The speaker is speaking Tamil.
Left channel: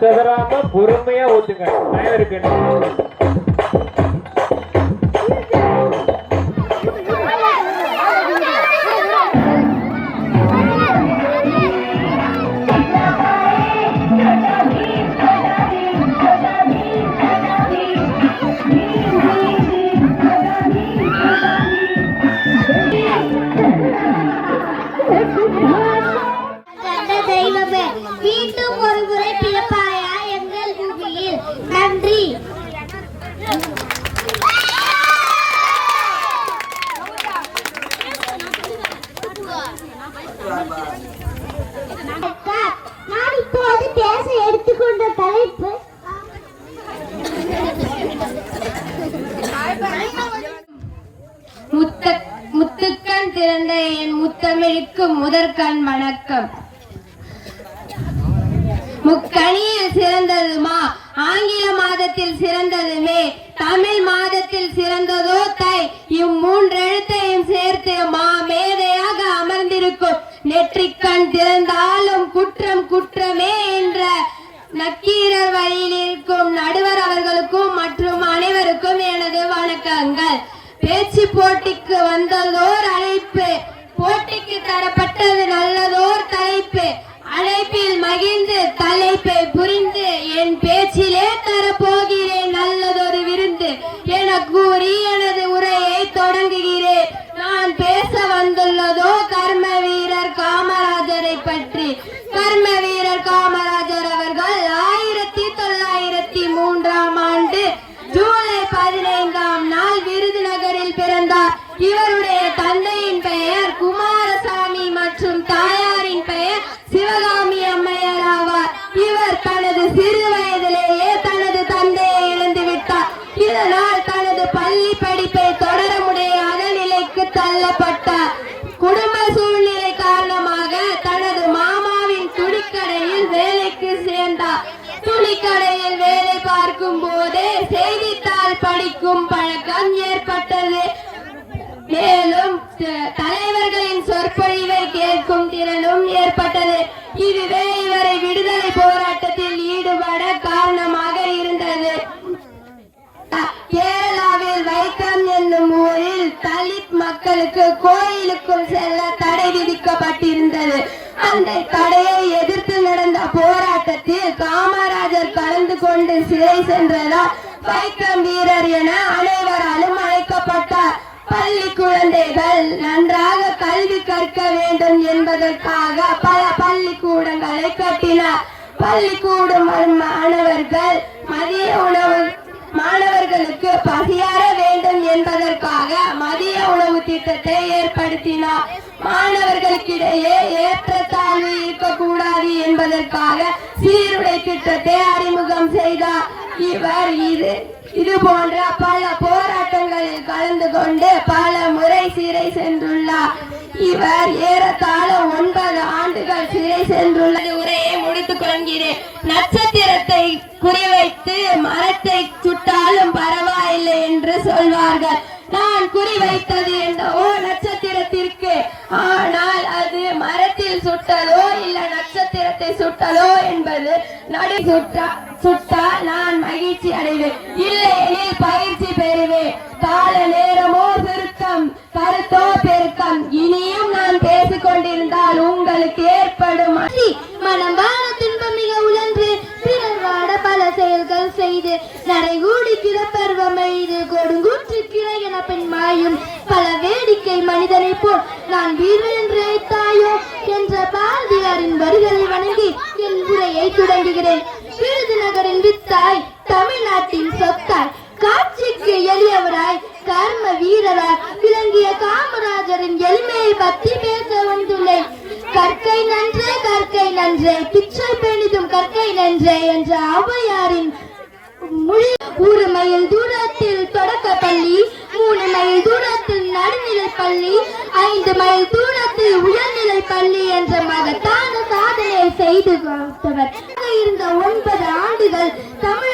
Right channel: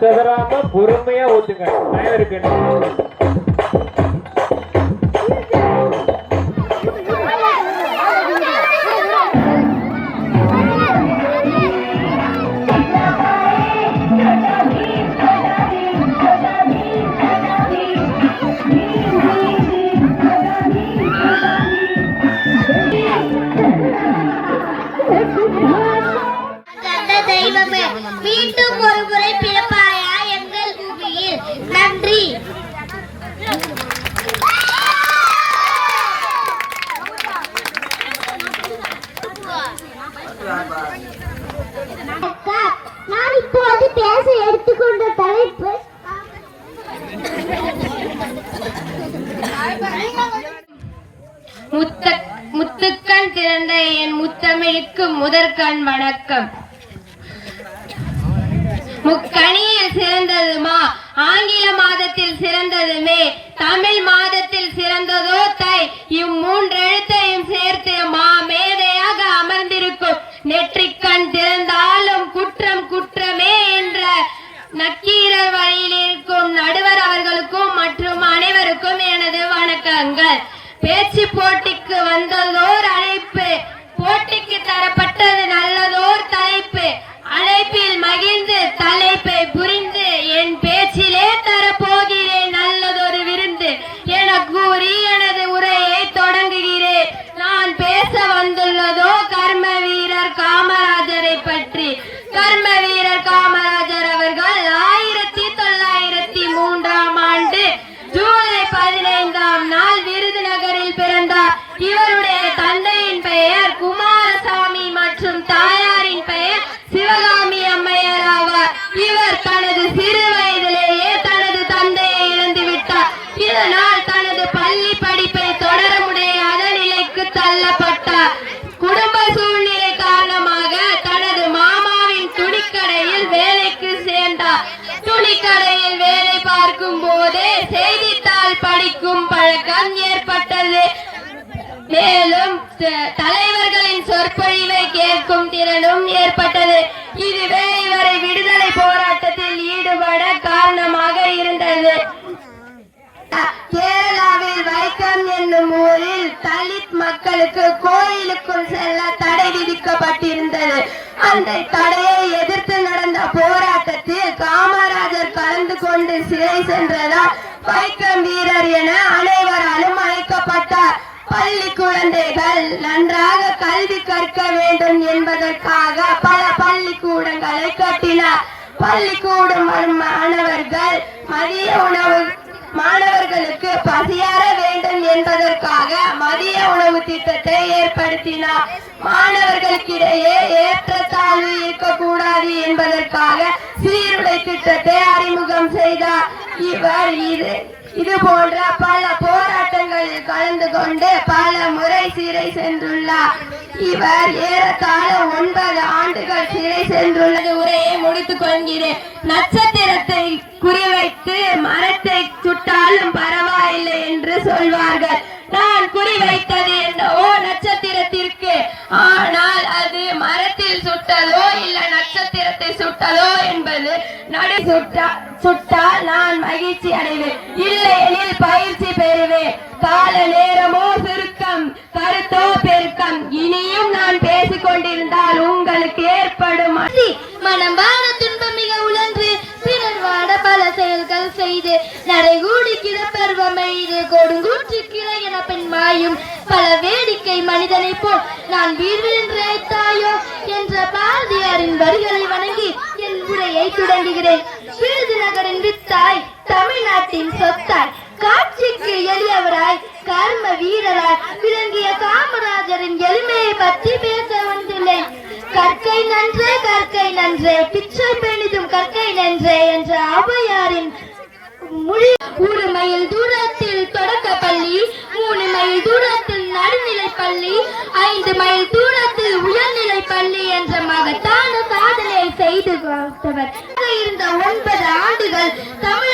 செதறாம பொறுமையா ஓட்டுங்க. இருக்கு மீண்டும் ஒரு முறை பிறப்பாயா எங்கள் பூமியில். நன்றி. நான் இப்போது பேச எடுத்துக்கொண்ட தலைப்பு முத்துக்கண் திறந்த என் முத்தமிழுக்கு முதற்கண் வணக்கம். முக்கணியில் சிறந்ததுமா ஆங்கில மாதத்தில் சிறந்ததுமே தமிழ் மாதத்தில் சிறந்ததோ தை. இம்மூன்றெழுத்தையும் சேர்த்து மா மேதையாக அமர்ந்திருக்கும் நெற்றிக்கண் திறந்தாலும் குற்றம் குற்றமே என்ற நக்கீரர் வழியில் இருக்கும் நடுவர் அவர்களுக்கும் மற்றும் அனைவருக்கும் எனது வணக்கங்கள். பேச்சு போட்டிக்கு வந்ததோர் அழைப்பு, போட்டிக்கு தரப்பட்டது நல்லதோர் தலைப்பு. அழைப்பில் மகிழ்ந்து தலைப்பை புரிந்து என் பேச்சிலே தரப்போகிறேன் நல்லதொரு விருந்து என கூறி எனது உரையை தொடங்குகிறேன். நான் பேச வந்துள்ளதோ கர்ம வீரர் காமராஜரை பற்றி. கர்ம வீரர் காமராஜர் அவர்கள் 1903ஆம் ஆண்டு ஜூலை 15ஆம் நாள் விருதுநகரில் பிறந்தார். இவருடைய தந்தையின் பெயர் குமாரசாமி மற்றும் தாயாரின் பெயர் சிவகாமி அம்மையார் ஆவார். இவர் தனது சிறு வயதிலேயே தனது தந்தையை இழந்து விட்டார். இதனால் தனது பள்ளி படிப்பை தொடர முடியாத நிலைக்கு தள்ளப்பட்டார். குடும்ப சூழ்நிலை காரணமாக தனது மாமாவின் துணிக்கடையில் வேலைக்கு சேர்ந்தார். துணிக்கடையில் வேலை பார்க்கும் போதே செய்தித்தாள் படிக்கும் பழக்கம் ஏற்பட்டது. மேலும் தலைவர்களின் சொற்பொழிவை கேட்கும் திறனும் ஏற்பட்டது. இதுவே இவரை விடுதலை போராட்டத்தில் ஈடுபட காரணமாக இருந்தது. கேரளாவில் வைக்கம் என்னும் ஊரில் தலித் மக்களுக்கு கோயிலுக்குள் செல்ல தடை விதிக்கப்பட்டிருந்தது. அந்த தடையை எதிர்த்து நடந்த போராட்டத்தில் காமராஜர் கலந்து கொண்டு சிறை சென்றதால் வைக்கம் வீரர் என அனைவராலும் அழைக்கப்பட்டார். பள்ளி குழந்தைகள் நன்றாக கல்வி கற்க வேண்டும் என்பதற்காக பல பள்ளிக்கூடங்களை கட்டினார். பள்ளிக்கூடம் மாணவர்கள் மதிய உணவு மாணவர்களுக்கு பசியார வேண்டும் என்பதற்காக மதிய உணவு திட்டத்தை ஏற்படுத்தினார். மாணவர்களுக்கிடையே ஏற்றத்தாழ்வு இருக்கக்கூடாது என்பதற்காக சீருடை திட்டத்தை அறிமுகம் செய்தார். இவர் இது போன்ற பல போராட்டங்களில் கலந்து கொண்டு பல முறை சிறை சென்றுள்ளார். இவர் ஏறத்தாழ 9 ஆண்டுகள் சிறை சென்றுள்ளது. உரையை முடித்துக் கொள்கிறேன். நட்சத்திரத்தை குறிவைத்து மரத்தை சுட்டாலும் பரவாயில்லை என்று சொல்வார்கள். நான் குறிவைத்தது என்னவோ நட்சத்திரத்திற்கு. ஆனால் அது மரத்தில் சுட்டதோ இல்ல நட்சத்திரத்தை சுட்டதோ என்பது நடு சுட்டால் நான் மகிழ்ச்சி அடைவேன், இல்லையெனில் பயிற்சி பெறுவேன். கால நேரமோ சுருக்கம், கருத்தோ பெருக்கம். இனியும் நான் பேசிக் கொண்டிருந்தால் உங்களுக்கு ஏற்படும் மனமான துன்பம் மிக உணர்ந்து பிறர் வாட பல செயல்கள் செய்து நடைகூடி கிடப்பருவம் எய்து கொடுங்கூற்று கிளை என பெண் மாயும் பல வேடிக்கை மனிதனை போல் நான் வீழ்வில் என்று அழைத்தாயோ என்ற பாரதியாரின் வரிகளை வணங்கி என் உரையை தொடங்குகிறேன். விருதுநகரின் வித்தாய், தமிழ்நாட்டின் சொத்தாய், காட்சிக்கு எளியவராய் கர்ம வீரராய் விளங்கிய காமராஜரின் எளிமையை பற்றி பேச வந்துள்ளேன். கற்கை நன்றே கற்கை நன்றே பிச்சை பெணிதும் கற்கை நன்றே என்ற ஔவையாரின் மொழி. 1 மைல் தூரத்தில் தொடக்க பள்ளி, 3 மைல் தூரத்தில் நடுநிலை பள்ளி, 5 மைல் தூரத்தில் உயர்நிலை பள்ளி செய்து கொடுத்தவர். இருந்த 9 ஆண்டுகள் தமிழ்